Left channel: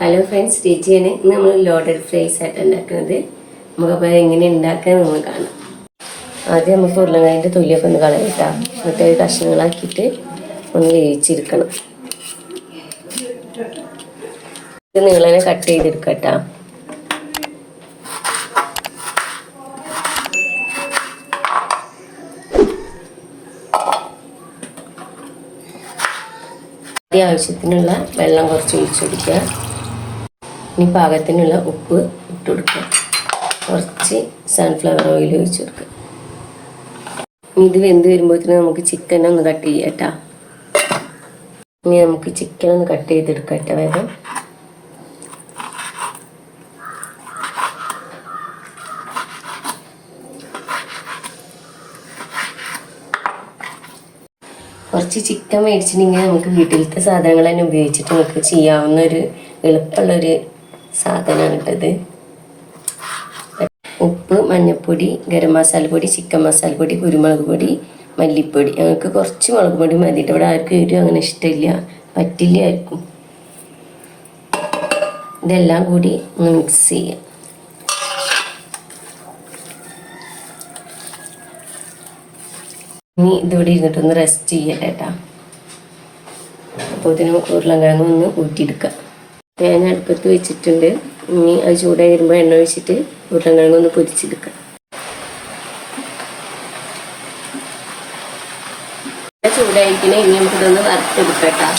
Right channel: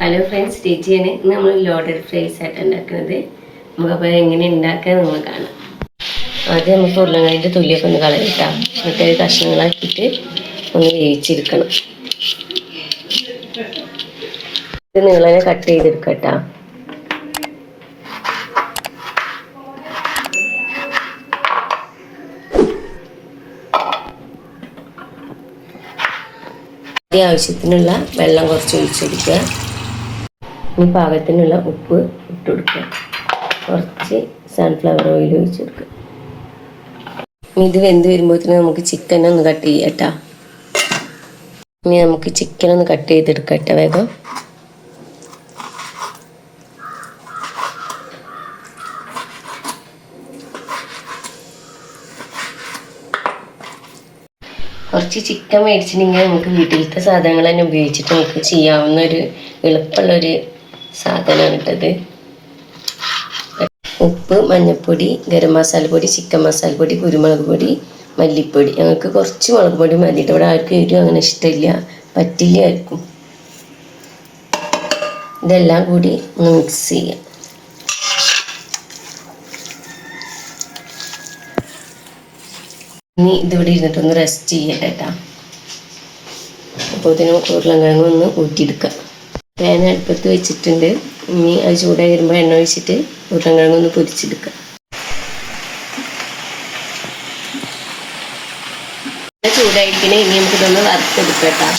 Hello friends, ടീച്ചിയാണ്. ഇന്ന് നമ്മൾ loaded fries ആയിട്ട് ഉണ്ടാക്കുന്നത്. നമുക്കപ്പോൾ എങ്ങനെ ഉണ്ടാക്കാൻ നമ്മൾ കാണാം. ആദ്യം നമുക്ക് ഉരുളക്കിഴങ്ങിൻ്റെ തൊലിയൊക്കെ ഒന്ന് കളയിട്ടാം. എന്നിട്ട് കഷ്ണങ്ങളാക്കിയിട്ട് ഒന്ന് വേവിച്ചെടുക്കണം. ഇത് നീളനെ കട്ട് ചെയ്തെടുക്കട്ടോ. ആവശ്യത്തിനുള്ള വെള്ളം കുറച്ച് ഒഴിച്ചെടുക്കുക. ഇനി പാകത്തിനുള്ള ഉപ്പ് ഇട്ട് കൊടുക്കുക. കുറച്ച് സൺഫ്ലവർ ഓയിൽ ഒഴിച്ച് കൊടുക്കുക. ഇത് വെന്ത് വരുമ്പോഴത്തേനും നമുക്ക് ചിക്കൻ ഒന്ന് കട്ട് ചെയ്യാം കേട്ടോ. ഇനി നമുക്ക് ചിക്കൻ ഒന്ന് കട്ട് ചെയ്തെടുക്കാം കേട്ടോ വേഗം. കുറച്ച് ചിക്കൻ മേടിച്ചിട്ടുണ്ടെങ്കിൽ നമുക്ക് വീട്ടിലത്തെ സാധനങ്ങൾ തന്നെ ഉപയോഗിച്ചിട്ട് നമുക്ക് ചെയ്യാവുന്ന ഒരു എളുപ്പമുള്ളൊരു സാധനമാണ് ഇട്ടത്. ഉപ്പ്, മഞ്ഞൾപ്പൊടി, ഗരം മസാലപ്പൊടി, ചിക്കൻ മസാലപ്പൊടി, കുരുമുളക് പൊടി, മല്ലിപ്പൊടി. ഞങ്ങൾക്ക് കുറച്ച് മുളക് പൊടി മതിയിട്ട്. ഇവിടെ ആർക്കും എരിവ് അങ്ങനെ ഇഷ്ടമില്ല, പറ്റില്ല ആയിരിക്കും. ഇതെല്ലാം കൂടി ഒന്ന് മിക്സ് ചെയ്യാം. ഇനി ഇതിവിടെ ഇരുന്നിട്ടൊന്ന് റെസ്റ്റ് ചെയ്യട്ടെ കേട്ടോ. അപ്പോൾ ഇതിന് ഉരുളക്കിഴങ്ങ് ഒന്ന് ഊറ്റിയെടുക്കാം. ഞാൻ അടുപ്പത്ത് വെച്ചിട്ടുണ്ട്. ഇനി അത് ചൂടായി വരുമ്പോൾ എണ്ണ ഒഴിച്ചിട്ട് ഉരുളക്കിഴങ്ങ് ഒന്ന് പൊരിച്ചെടുക്കാം. ചൂടായിരിക്കണേ. ഇനി നമുക്കിതൊന്ന് വറുത്തെടുക്കാം കേട്ടോ.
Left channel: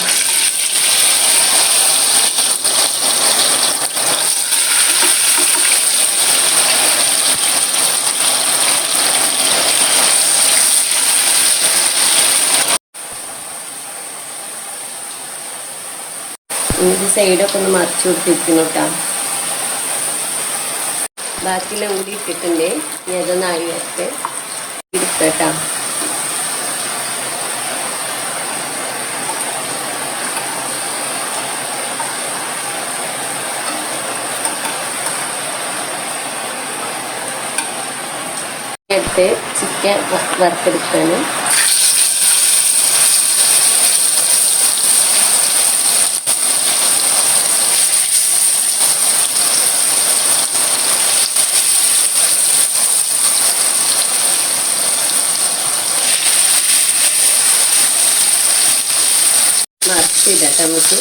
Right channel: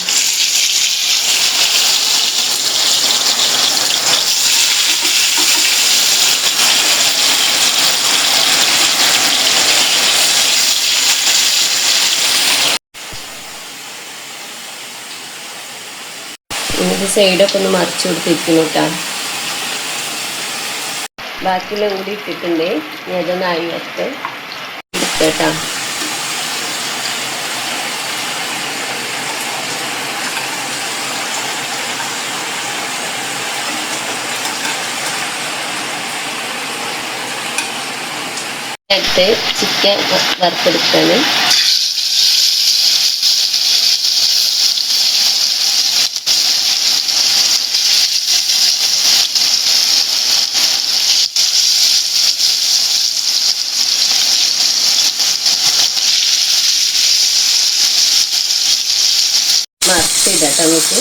നമുക്ക് സൈഡൊക്കെ ഒന്ന് മറിച്ച് കൊടുത്തിരിക്കുന്നു കേട്ടോ. ബാക്കിയുള്ള കൂടി ഇട്ടിട്ടുണ്ട്. ഇനി അതൊന്ന് അരിയത്ത് ഇരിക്കട്ടോ. എടുത്ത് ചിക്കൻ വറുത്തെടുക്കാണ്. മറിച്ചിടട്ടെ. നമുക്ക്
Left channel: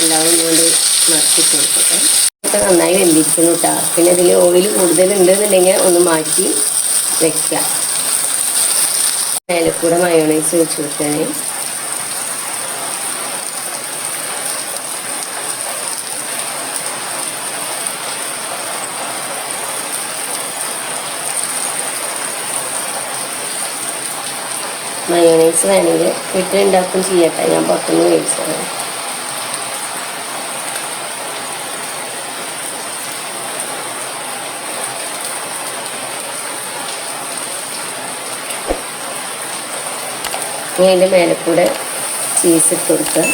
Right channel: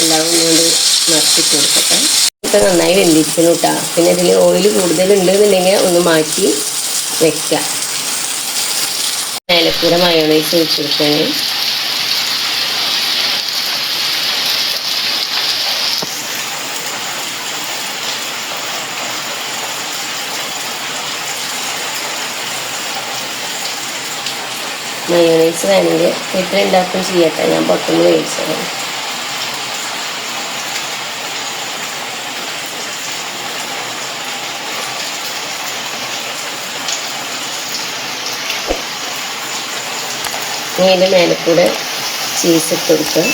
എല്ലാവരും ഇങ്ങോട്ട് മറിച്ചിട്ട് കൊടുക്കട്ടെ. ഇപ്പം നന്നായി വെന്തിരിക്കുന്നു കേട്ടോ. പിന്നെ ഇതിൽ ഓയിൽ കൂടുതലുണ്ടെന്നുണ്ടെങ്കിൽ ഒന്ന് മാറ്റി വെക്കാം. മേലക്കൂടെ മയോണൈസ് വെച്ച് കൊടുക്കണേ. മയോണൈസ് വേണമെങ്കിൽ വീട്ടിലുണ്ടാക്കും ചെയ്യട്ടെ. ഞാൻ പുറത്തുനിന്ന് മേടിച്ചതാണ്. ഇനി അതിൻ്റെ മേലെ കൂടെ ചീസ് ഇട്ട് കൊടുക്കുക.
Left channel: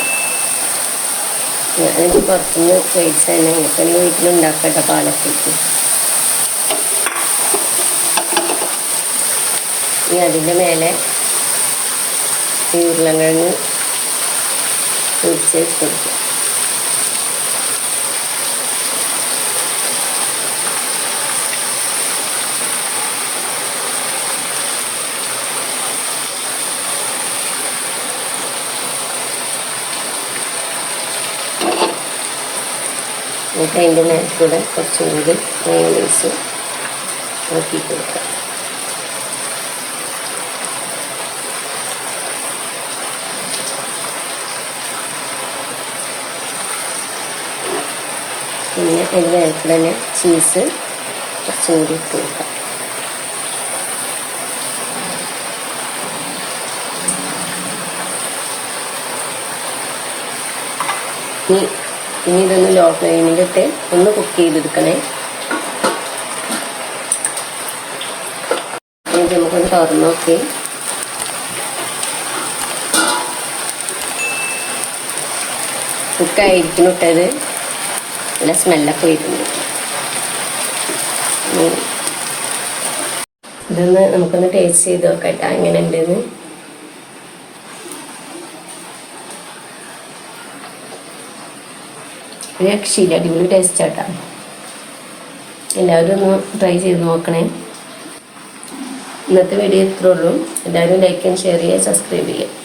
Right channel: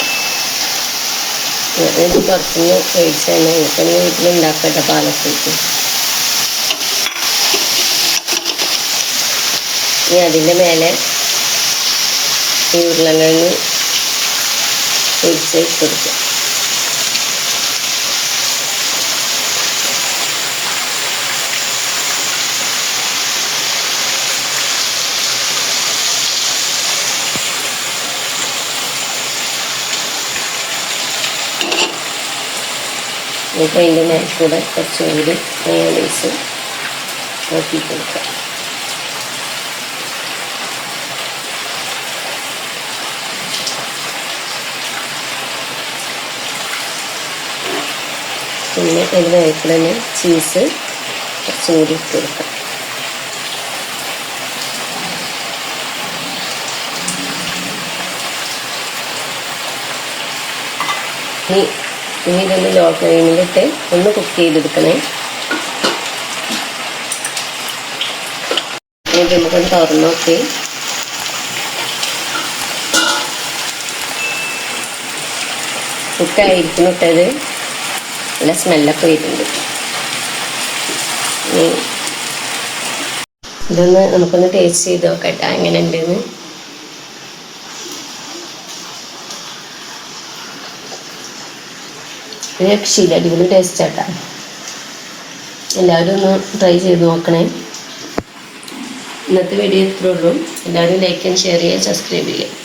ഇത് പുറത്തുനിന്ന് മേടിച്ച് തന്നെ നമുക്കൊന്ന് വീട്ടിലുണ്ടാക്കട്ടെ. പാലത്തേക്ക് ഇനി അതിൻ്റെ മേലെ ഈ ഉരുളക്കിഴങ്ങ് പൊരിച്ച് കൊടുക്കുക. എന്നിട്ട് അതിൻ്റെ മേലെ കൂടെ കുറച്ചും കൂടി മയോണൈസ് ആക്കി കൊടുക്കുക. പിന്നെ അതിൻ്റെ മേലെ കൂടെ തന്നെ ചീസ് കുറച്ചും കൂടി ഇട്ട് കൊടുക്കാം. ഇനി ഇതൊന്ന് ലോ ഫ്ലെയിമിലിട്ട് ഒന്ന് കുക്ക് ചെയ്തെടുക്കണേ. എന്നിട്ട് നമുക്കൊന്ന് തുറന്ന് നോക്കി. കുക്കായിരിക്കുന്നു ഇട്ടത്. നല്ല സ്മെല്ലൊക്കെ വരുന്നുണ്ട്. ഇതൊന്ന് നമുക്കൊന്ന് ടേസ്റ്റ് ചെയ്ത് നോക്കട്ടെ എങ്ങനെ ഉണ്ടെന്ന്. രക്ഷയില്ല, അടിപൊളി ടേസ്റ്റ് ആട്ടാ. എല്ലാവരും ഒന്ന് ട്രൈ ചെയ്ത് നോക്കണേ. ഇന്നത്തെ വീഡിയോ ഇത്രേ ഉള്ളൂ. എല്ലാവരും ലൈക്ക് ആൻഡ് ഷെയർ ചെയ്യുക, സബ്സ്ക്രൈബ് ചെയ്യുക.